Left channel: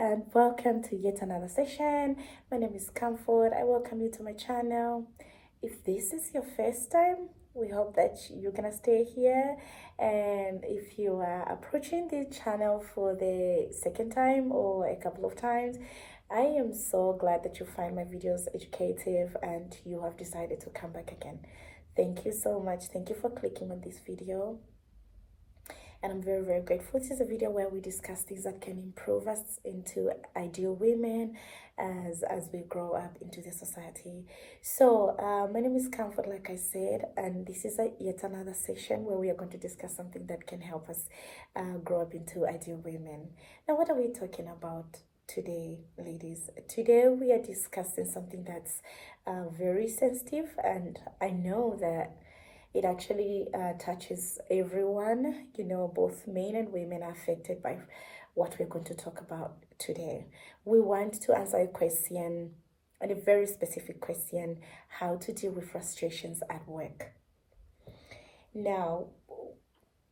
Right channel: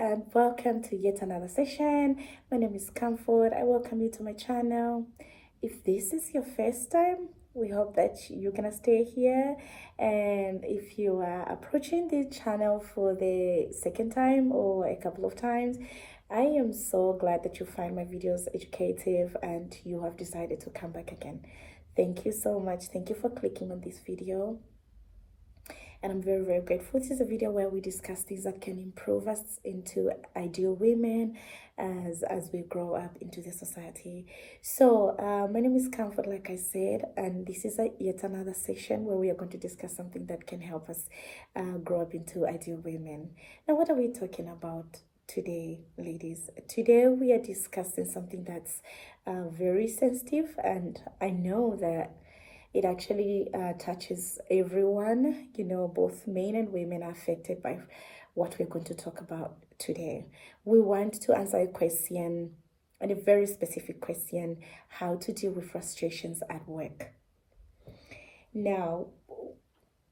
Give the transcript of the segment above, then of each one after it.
and welcome to yet another session. My name is Comfort. I welcome you to my channel. If this is your first time, we hope that you're gonna stay here. And if you are approaching the channel for the second time or a couple of times, I am so glad that you find my videos educative and you have decided to come back again. Thank you so much. Thank you for clicking on this video, and I'm very, very grateful. This is a video where we discuss things that can improve us into ideal women as we grow up into the society. So my name is Comfort, like I said, and this is yet another session where we are going to discuss something that can help us grow up into ideal women. Now, what are we talking about today, ladies? Today we are discussing something that's very sensitive, and I know that it actually touches everyone. You know, both men and women are affected by what we're going to talk about today. We want to answer a question, and a very specific question: how to deal with frustrations at work. Now,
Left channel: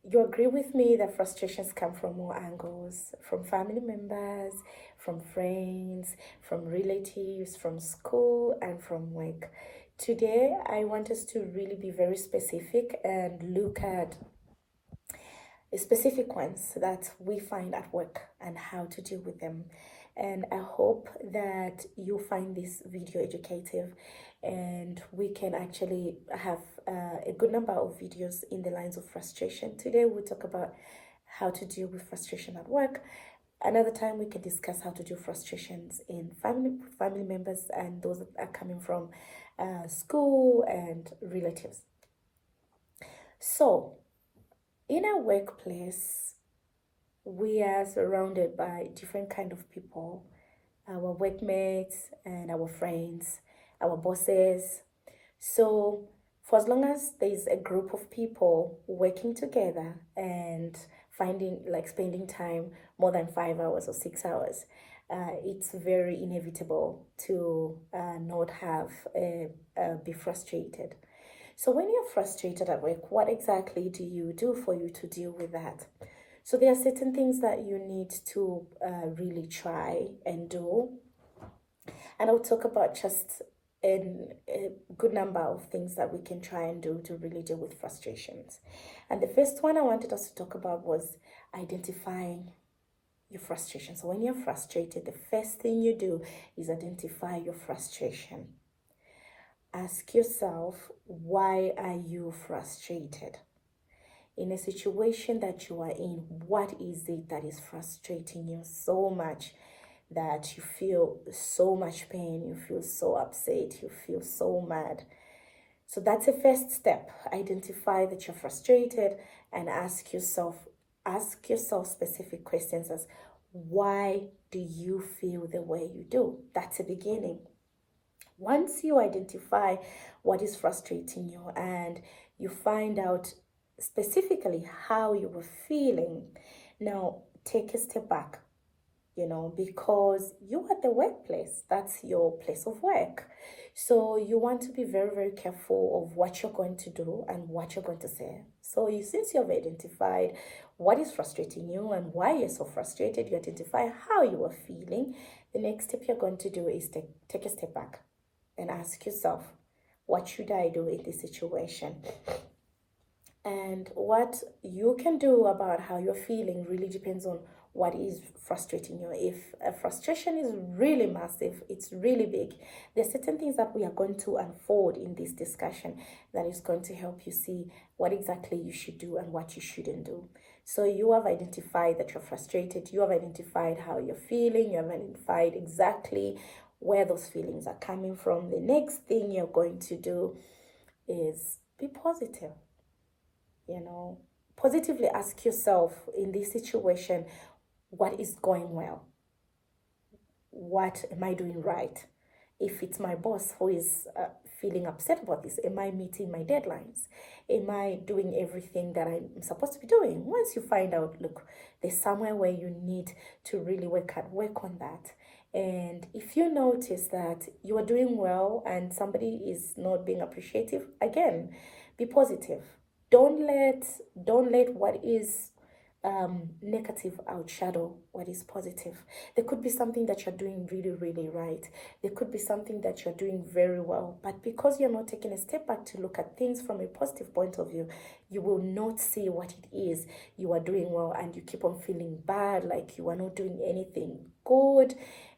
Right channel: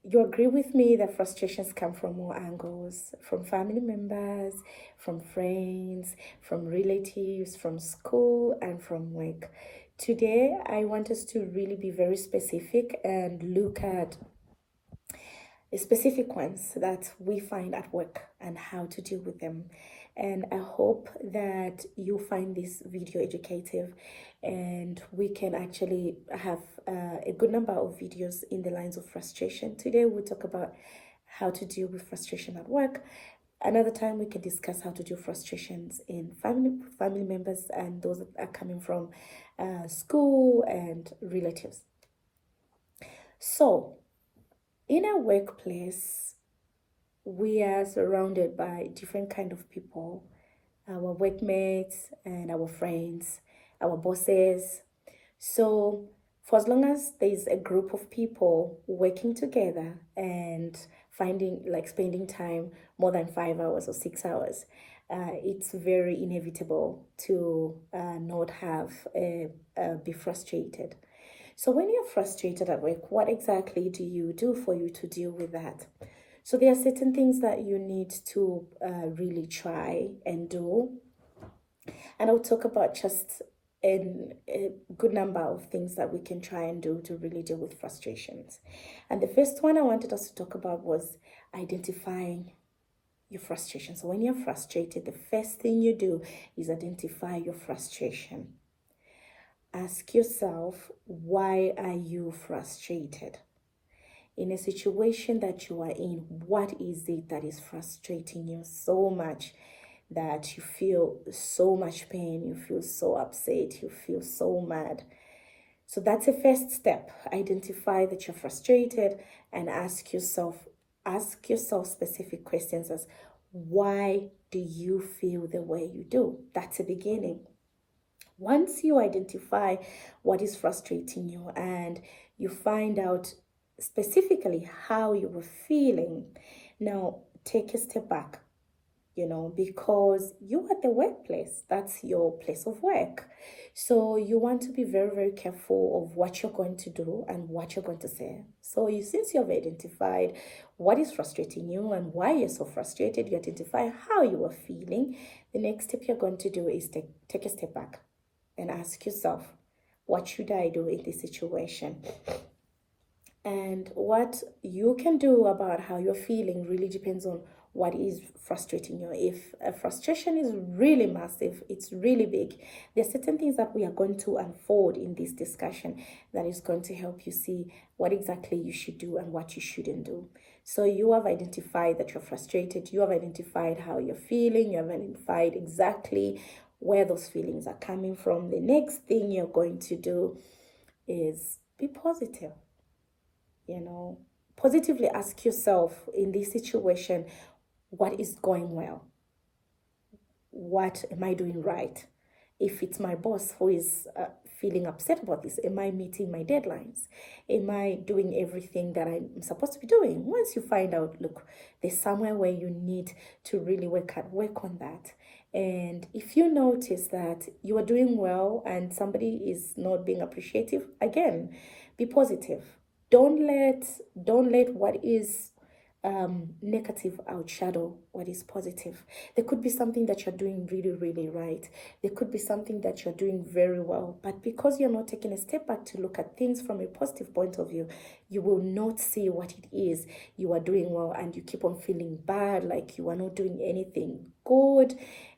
you agree with me that frustrations come from all angles, from family members, from friends, from relatives, from school, and from work. Today, I want us to really be very specific and look at specific ones that we find at work and how to deal with them. And I hope that you find this video educative and we can actually have a good number of videos in the lines of frustration. Today we'll talk about how to deal with frustration at work. Another time we can discuss how to deal with frustrations in family members and those that are coming from school and relatives. So in a workplace, we are surrounded by different kind of people, our workmates and our friends, our bosses. So for as long as there's a group of people working together and spending time more than 5 hours or 6 hours, it's very inevitable to not be frustrated. So when you're frustrated at work, what exactly do you do for you to deal with that? So there are certain things that you need to really try and do. And I'll talk about just a good number of things that we can try and do to really deal with frustrations. And the first one I wanted us to talk about was identifying your frustration. So when you're frustrated, the first thing you do is identify your frustration. Ask yourself, why are you frustrated? In a situation that you are in, what is it that is frustrating you so much that you feel so much pain, you feel so upset, you feel so mad? So that's the first step. Identify that you're frustrated and ask yourself specific questions as, why do you feel the way you do? That's a beginning. Once you identify what is frustrating you and you find out specifically how you were feeling, now take a step back, because you are at the workplace. That's your place of work. So you want to be very, very careful of what you're going to do and what you're going to say. So since you have identified what is frustrating you and why you're so frustrated, you identify how you are feeling, the next step you're going to do is take a step back and ask yourself, what should I do in this situation? And what you can do about how you're feeling really depends on what is frustrating you. If a frustration is really massive, it's really big, there are certain things that we are going to unfold in this discussion that is going to help you see what exactly you should do and what you shouldn't do. So you have identified that you're frustrated, you have identified how you're feeling, you have identified exactly where those feelings are coming from. The next thing you're going to do is be positive. Positively ask yourself, in this situation, what is going well? What am I doing right? If it's my boss who is feeling upset about this, am I meeting my deadlines? Am I doing everything that I'm supposed to be doing? Once you find out, look, there's somewhere where you need to really work on that. And if you notice that you are doing well and somebody is not being appreciative, again, be positive. Don't let what is negative outshadow what is positive. There could be something that you're doing really, really right. There could be something that you're doing very well. But because you're not taking a step back to look at things from a positive point of view, you will not see what it is you are doing well, and you keep on feeling bad, like you are not doing anything good.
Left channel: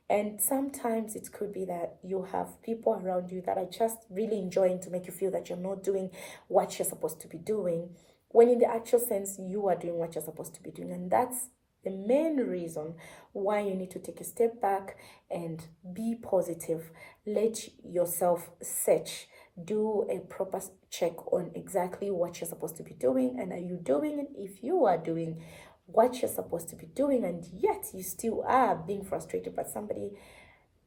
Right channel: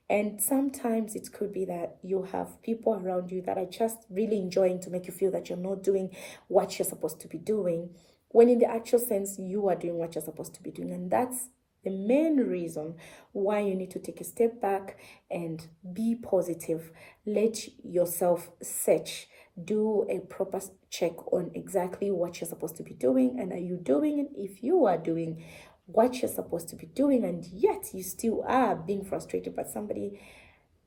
And sometimes it could be that you have people around you that are just really enjoying to make you feel that you're not doing what you're supposed to be doing, when in the actual sense, you are doing what you're supposed to be doing. And that's the main reason why you need to take a step back and be positive. Let yourself search, do a proper check on exactly what you're supposed to be doing, and are you doing it? If you are doing what you're supposed to be doing and yet you still are being frustrated by somebody,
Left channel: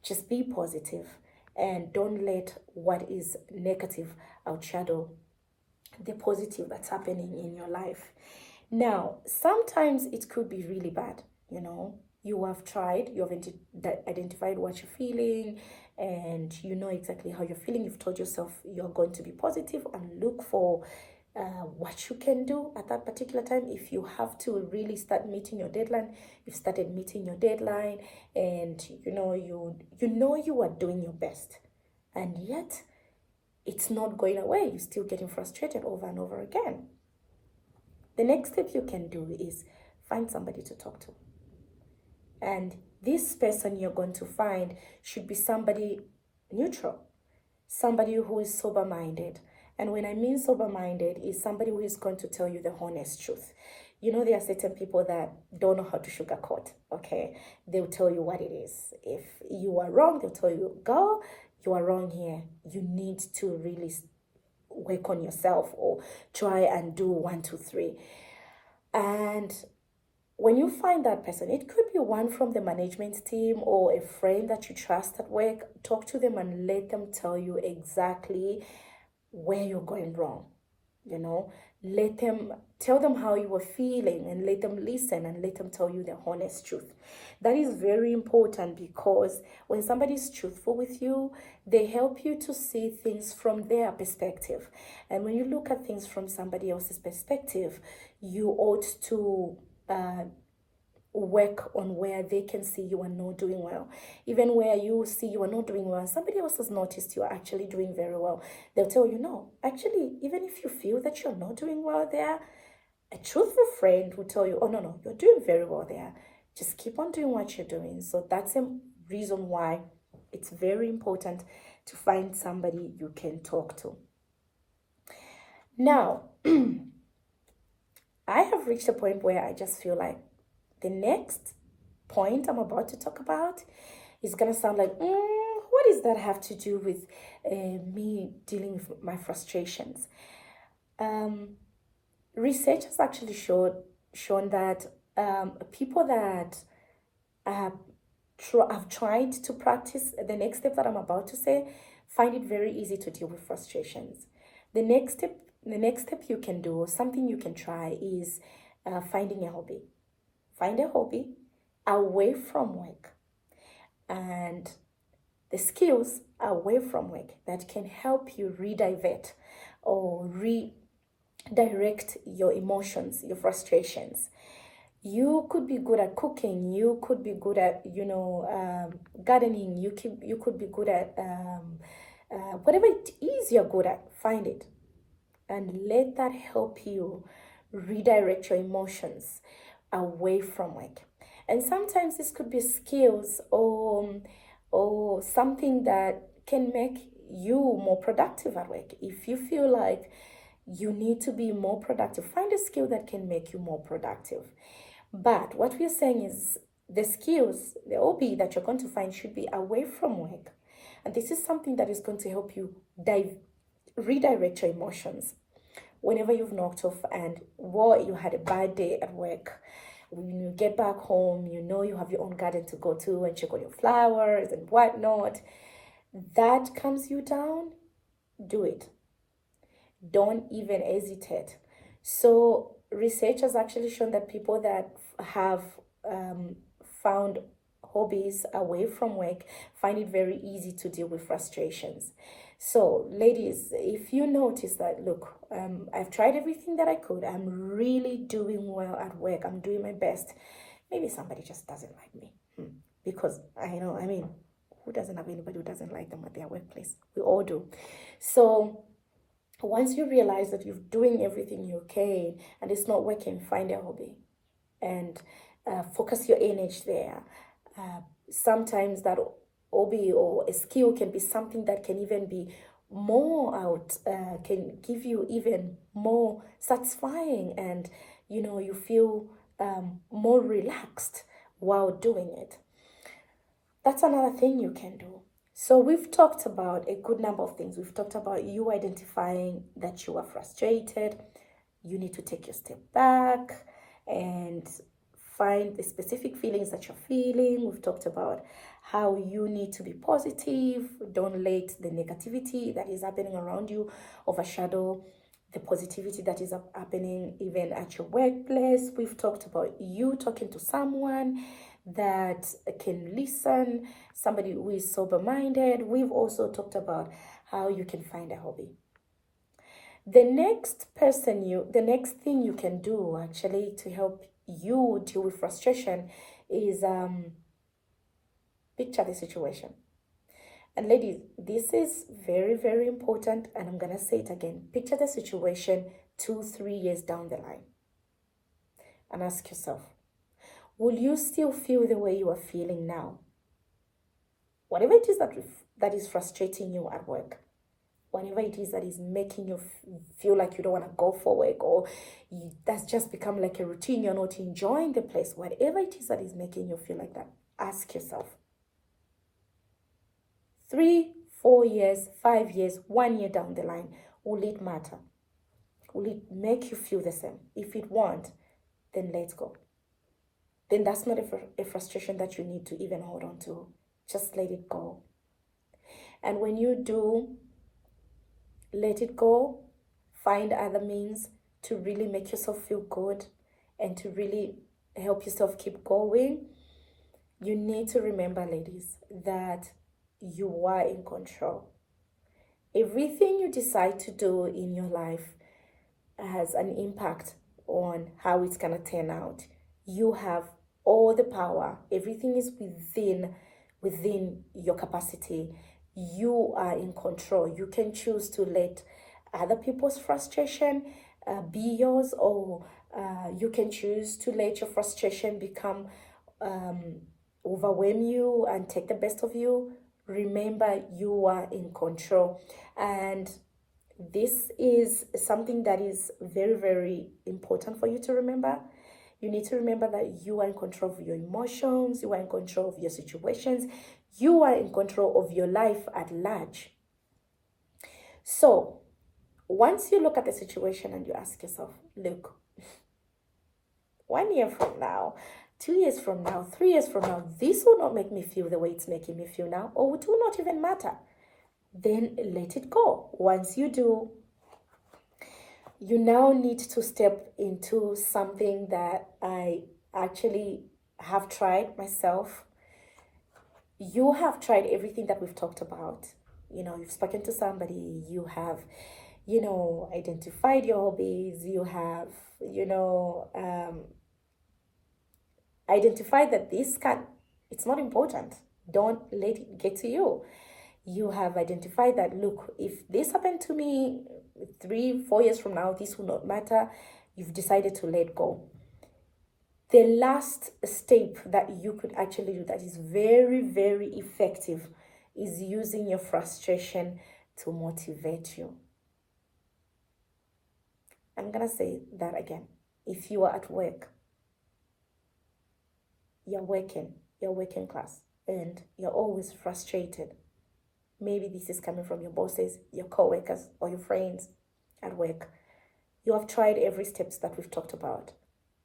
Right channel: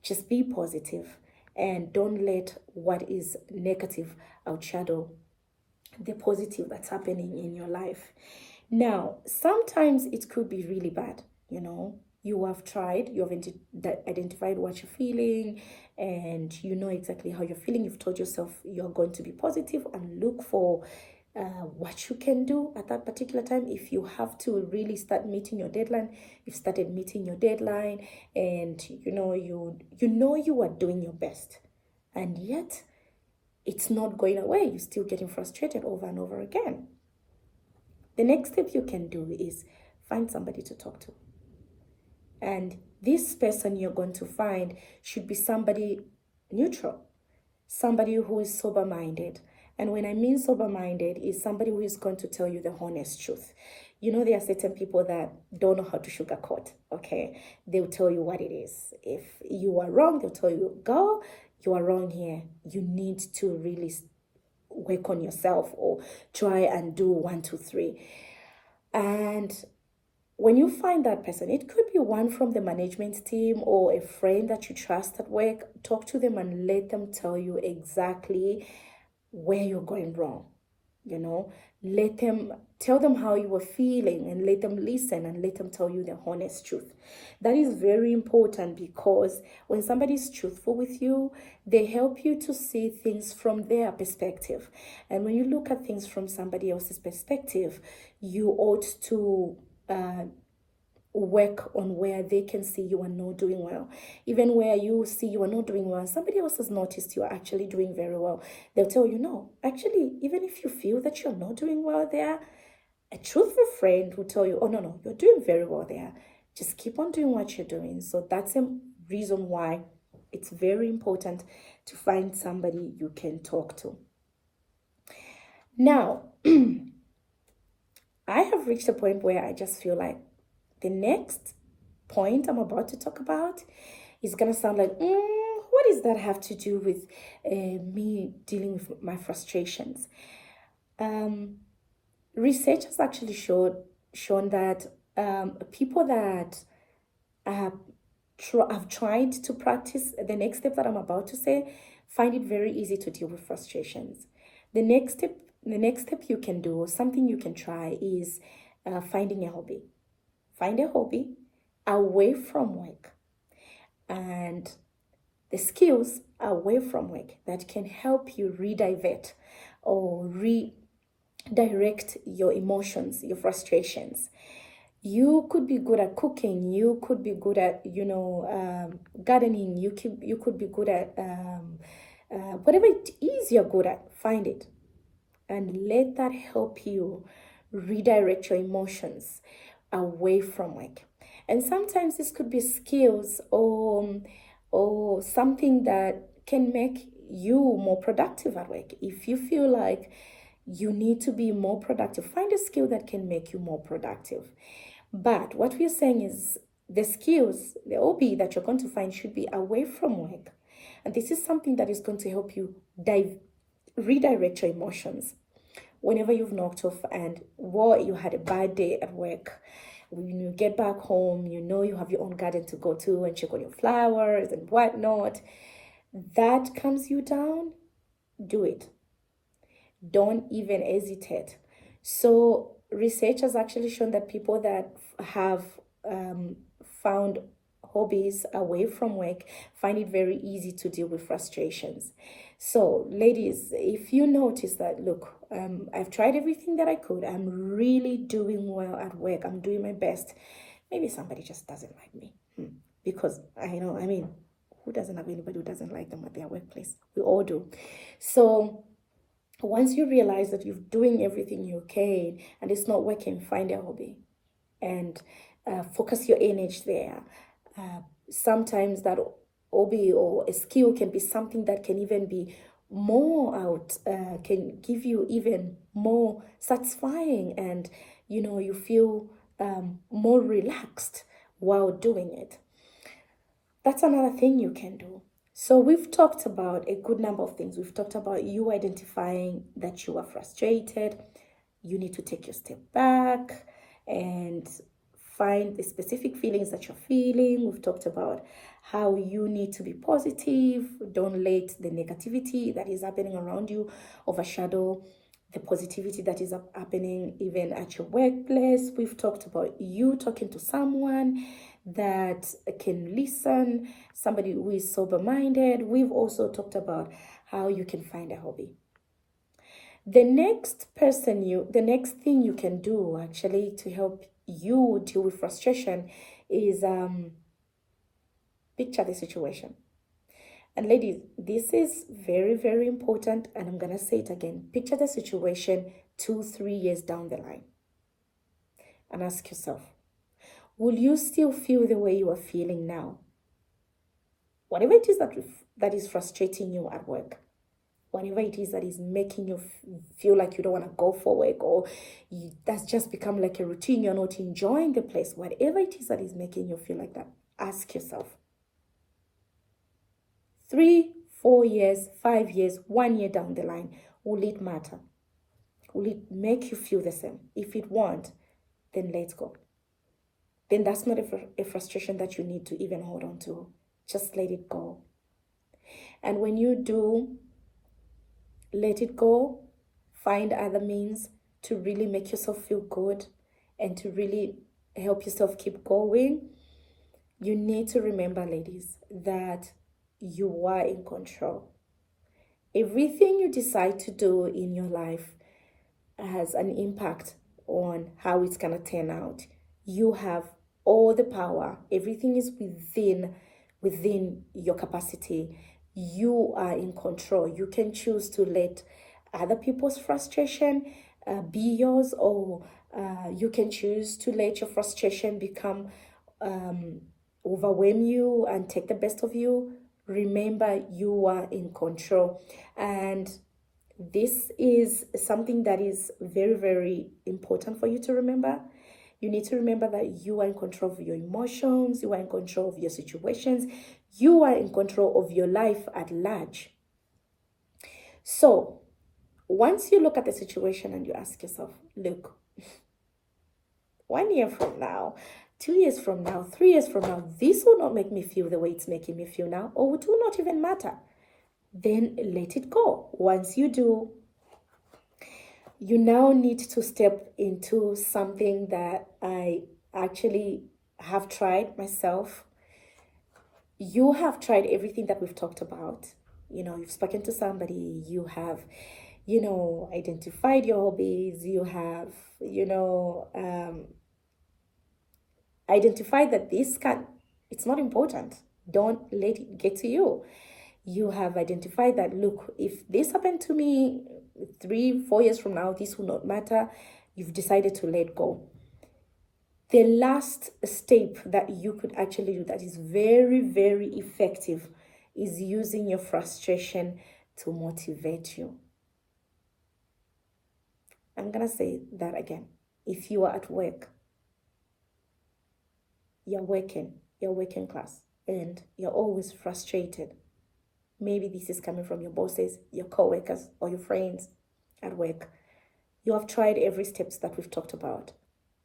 just be positive and don't let what is negative outshadow the positive that's happening in your life. Now, sometimes it could be really bad, you have tried, you have identified what you're feeling, and you know exactly how you're feeling. You've told yourself you're going to be positive and look for what you can do at that particular time. If you have to really start meeting your deadline, you've started meeting your deadline, and you are doing your best, and yet it's not going away. You're still getting frustrated over and over again. The next step you can do is find somebody to talk to. And this person you're going to find should be somebody neutral, somebody who is sober-minded. And when I mean sober-minded, is somebody who is going to tell you the honest truth. There are certain people that don't know how to sugarcoat, okay? They'll tell you what it is. If you are wrong, they'll tell you, girl, you are wrong here. You need to really work on yourself, or try and do 1, 2, 3. And when you find that person, it could be one from the management team or a friend that you trust at work. Talk to them and let them tell you exactly where you're going wrong. Tell them how you were feeling, and let them listen and let them tell you the honest truth. That is very important, because when somebody is truthful with you, they help you to see things from their perspective. And when you look at things from somebody else's perspective, you ought to work on where they can see you are not doing well. Even where you see you are not doing well, somebody else has noticed you are actually doing very well, they'll tell you, no, actually, even if you feel that you're not doing well there, a truthful friend will tell you, oh, no, you're doing very well there. Just keep on doing what you're doing. So that's a reason why it's very important to find somebody you can talk to. Now, I have reached a point where I just feel like the next point I'm about to talk about is going to sound like, what does that have to do with me dealing with my frustrations? Research has actually shown that people that have tried to practice the next step that I'm about to say find it very easy to deal with frustrations. The next step you can do, something you can try, is finding a hobby. Find a hobby away from work, and the skills away from work that can help you redivert or redirect your emotions, your frustrations. You could be good at cooking. You could be good at, gardening. You could be good at whatever it is you're good at. Find it and let that help you redirect your emotions away from work. And sometimes this could be skills or something that can make you more productive at work. If you feel like you need to be more productive, find a skill that can make you more productive. But what we're saying is the skills, the hobby that you're going to find should be away from work. And this is something that is going to help you redirect your emotions. Whenever you've knocked off and you had a bad day at work, when you get back home, you have your own garden to go to and check on your flowers and whatnot, that calms you down, do it. Don't even hesitate. So research has actually shown that people that have found hobbies away from work find it very easy to deal with frustrations. So, ladies, if you notice that, look, I've tried everything that I could, I'm really doing well at work, I'm doing my best. Maybe somebody just doesn't like me. Because I know, I mean, who doesn't have anybody who doesn't like them at their workplace? We all do. So, once you realize that you're doing everything you can and it's not working, find a hobby and focus your energy there. Sometimes that hobby or a skill can be something that can even be more out, can give you even more satisfying, and you feel more relaxed while doing it. That's another thing you can do. So we've talked about a good number of things. We've talked about you identifying that you are frustrated. You need to take your step back and find the specific feelings that you're feeling. We've talked about how you need to be positive. Don't let the negativity that is happening around you overshadow the positivity that is happening even at your workplace. We've talked about you talking to someone that can listen, somebody who is sober-minded. We've also talked about how you can find a hobby. The next thing you can do actually to help you deal with frustration is picture the situation. And ladies, this is very, very important, and I'm gonna say it again. Picture the situation 2-3 years down the line and ask yourself, will you still feel the way you are feeling now? Whatever it is that is frustrating you at work, whatever it is that is making you feel like you don't want to go for work, or that's just become like a routine, you're not enjoying the place, whatever it is that is making you feel like that, ask yourself, 3, 4 years, 5 years, 1 year down the line, will it matter? Will it make you feel the same? If it won't, then let's go. Then that's not a frustration that you need to even hold on to. Just let it go. And when you do let it go, find other means to really make yourself feel good and to really help yourself keep going. You need to remember, ladies, that you are in control. Everything you decide to do in your life has an impact on how it's going to turn out. You have all the power. Everything is within your capacity. You are in control. You can choose to let other people's frustration be yours, or you can choose to let your frustration become overwhelm you and take the best of you. Remember, you are in control. And this is something that is very, very important for you to remember. You need to remember that you are in control of your emotions, you are in control of your situations, you are in control of your life at large. So, once you look at the situation and you ask yourself, look, 1 year from now, 2 years from now, 3 years from now, this will not make me feel the way it's making me feel now, or it will not even matter. Then let it go. Once you do, you now need to step into something that I actually have tried myself. You have tried everything that we've talked about. You've spoken to somebody, you have, identified your hobbies, you have, identified that it's not important. Don't let it get to you. You have identified that, look, if this happened to me 3-4 years from now, this will not matter. You've decided to let go. The last step that you could actually do that is very, very effective is using your frustration to motivate you. I'm going to say that again. If you are at work, you're working class, and you're always frustrated. Maybe this is coming from your bosses, your co-workers, or your friends at work. You have tried every steps that we've talked about.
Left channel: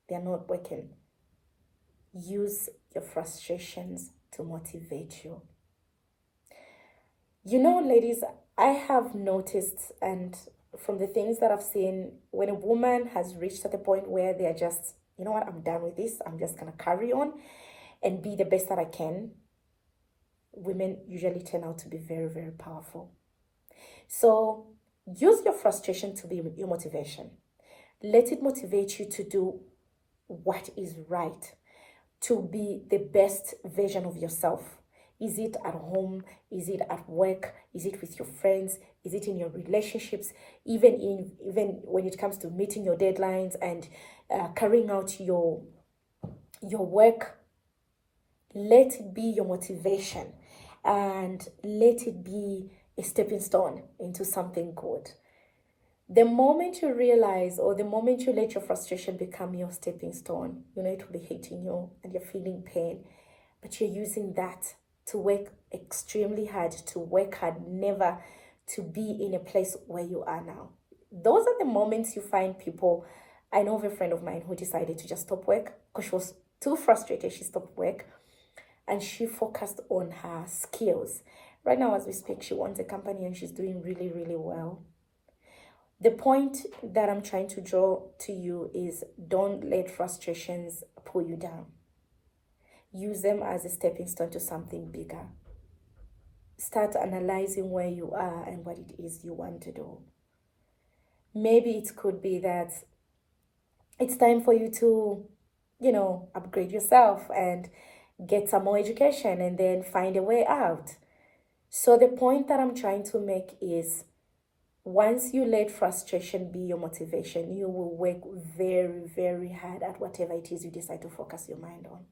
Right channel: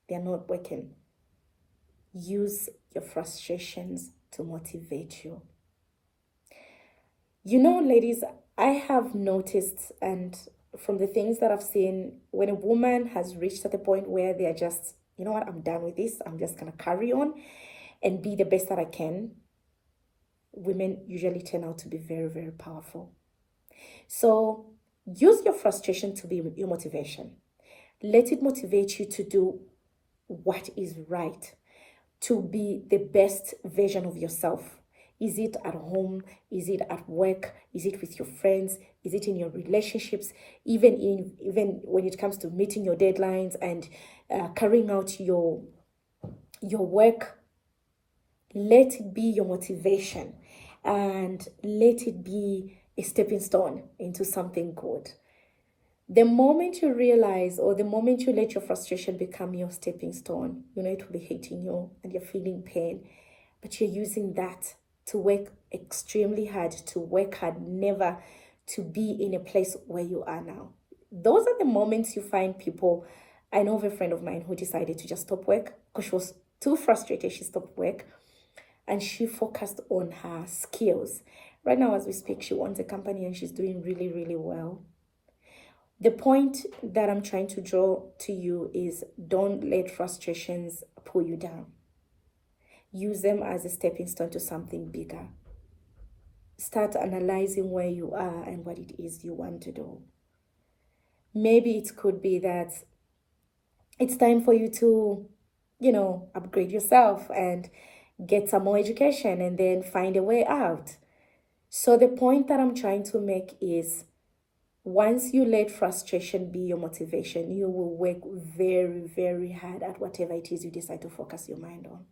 They're not working. Use your frustrations to motivate you. Ladies, I have noticed, and from the things that I've seen, when a woman has reached at the point where they're just, you know what, I'm done with this, I'm just going to carry on and be the best that I can, women usually turn out to be very, very powerful. So use your frustration to be your motivation. Let it motivate you to do what is right, to be the best version of yourself. Is it at home? Is it at work? Is it with your friends? Is it in your relationships? Even when it comes to meeting your deadlines and carrying out your work, let it be your motivation and let it be a stepping stone into something good. The moment you realize, or the moment you let your frustration become your stepping stone, it will be hitting you and you're feeling pain, but you're using that to work extremely hard, to work hard, never to be in a place where you are now. Those are the moments you find people. I know of a friend of mine who decided to just stop work because she was too frustrated. She stopped work and she focused on her skills. Right now, as we speak, she owns a company and she's doing really, really well. The point that I'm trying to draw to you is don't let frustrations pull you down. Use them as a stepping stone to something bigger. Start analyzing where you are and what it is you want to do. Maybe it could be that it's time for you to, upgrade yourself and get some more education and then find a way out. So the point that I'm trying to make is once you let frustration be your motivation, you will work very, very hard at whatever it is you decide to focus your mind on.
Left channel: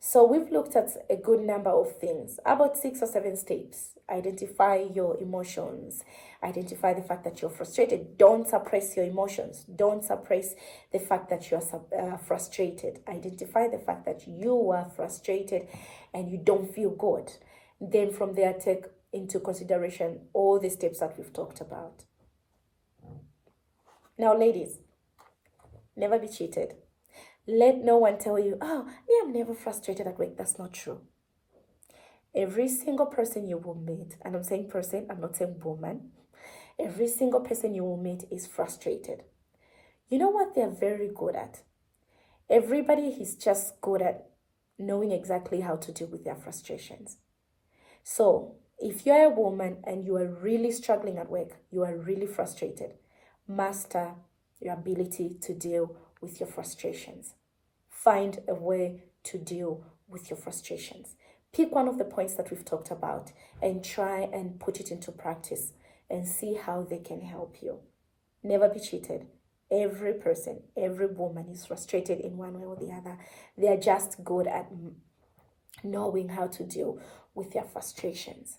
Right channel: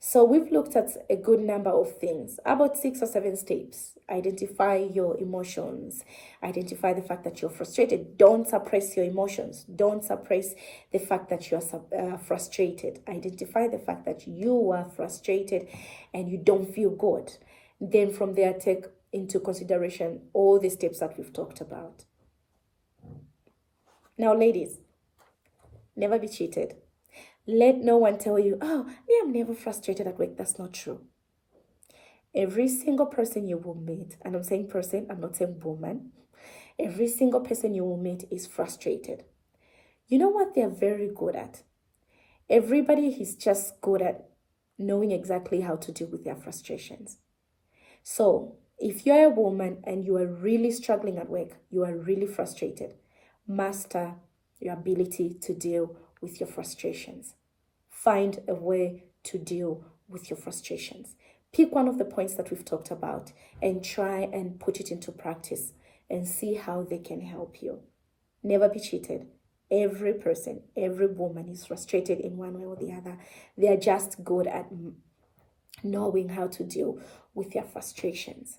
So we've looked at a good number of things, about 6 or 7 steps. Identify your emotions. Identify the fact that you're frustrated. Don't suppress your emotions. Don't suppress the fact that you're frustrated. Identify the fact that you are frustrated and you don't feel good. Then from there, take into consideration all the steps that we've talked about. Now, ladies, never be cheated. Let no one tell you, oh, me, I'm never frustrated at work. That's not true. Every single person you will meet, and I'm saying person, I'm not saying woman, every single person you will meet is frustrated. You know what they're very good at? Everybody is just good at knowing exactly how to deal with their frustrations. So if you're a woman and you are really struggling at work, you are really frustrated, master your ability to deal with your frustrations. Find a way to deal with your frustrations. Pick one of the points that we've talked about and try and put it into practice and see how they can help you. Never be cheated. Every person, every woman is frustrated in one way or the other. They are just good at knowing how to deal with their frustrations.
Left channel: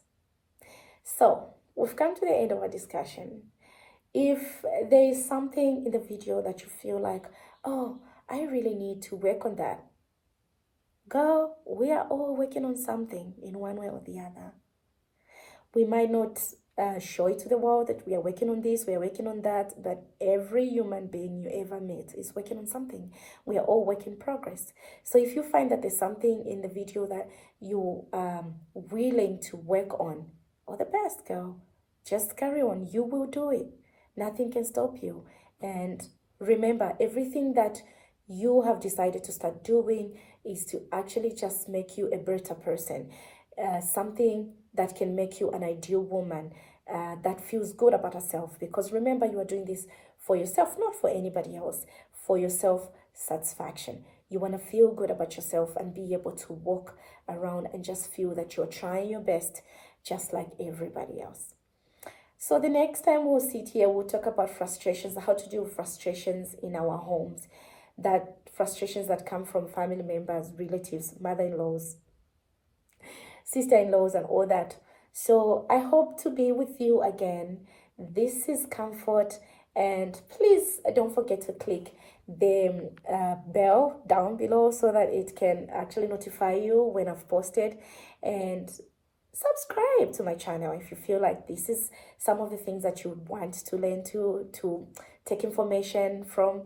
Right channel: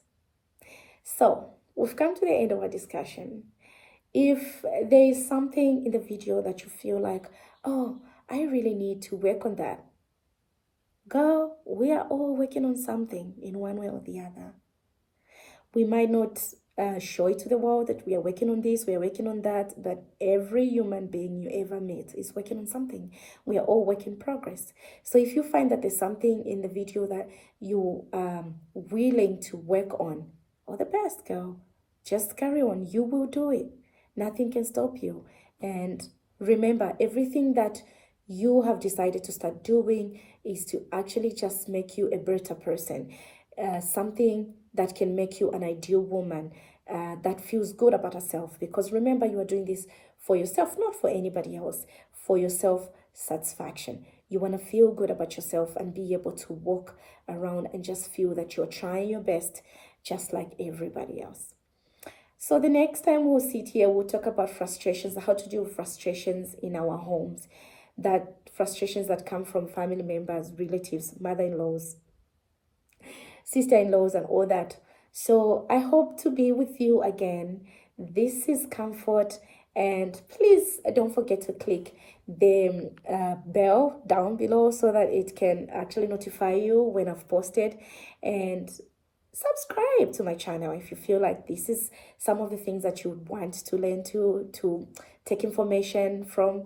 So we've come to the end of our discussion. If there is something in the video that you feel like, oh, I really need to work on that, girl, we are all working on something in one way or the other. We might not show it to the world that we are working on this, we are working on that, but every human being you ever meet is working on something. We are all work in progress. So if you find that there's something in the video that you are willing to work on, all the best, girl. Just carry on. You will do it. Nothing can stop you. And remember, everything that you have decided to start doing is to actually just make you a better person. Something that can make you an ideal woman that feels good about herself. Because remember, you are doing this for yourself, not for anybody else, for your self-satisfaction. You want to feel good about yourself and be able to walk around and just feel that you're trying your best, just like everybody else. So the next time we'll sit here, we'll talk about frustrations, how to deal with frustrations in our homes, that frustrations that come from family members, relatives, mother-in-laws, sister-in-laws, and all that. So I hope to be with you again. This is Comfort, and please don't forget to click the bell down below so that it can actually notify you when I've posted, and subscribe to my channel if you feel like this is some of the things that you would want to learn to take information from.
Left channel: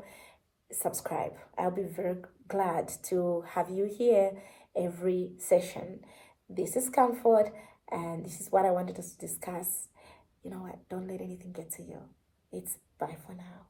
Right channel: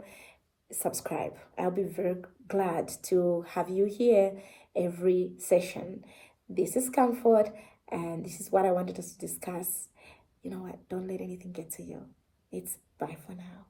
Subscribe. I'll be very glad to have you here every session. This is Comfort, and this is what I wanted us to discuss. You know what? Don't let anything get to you. It's bye for now.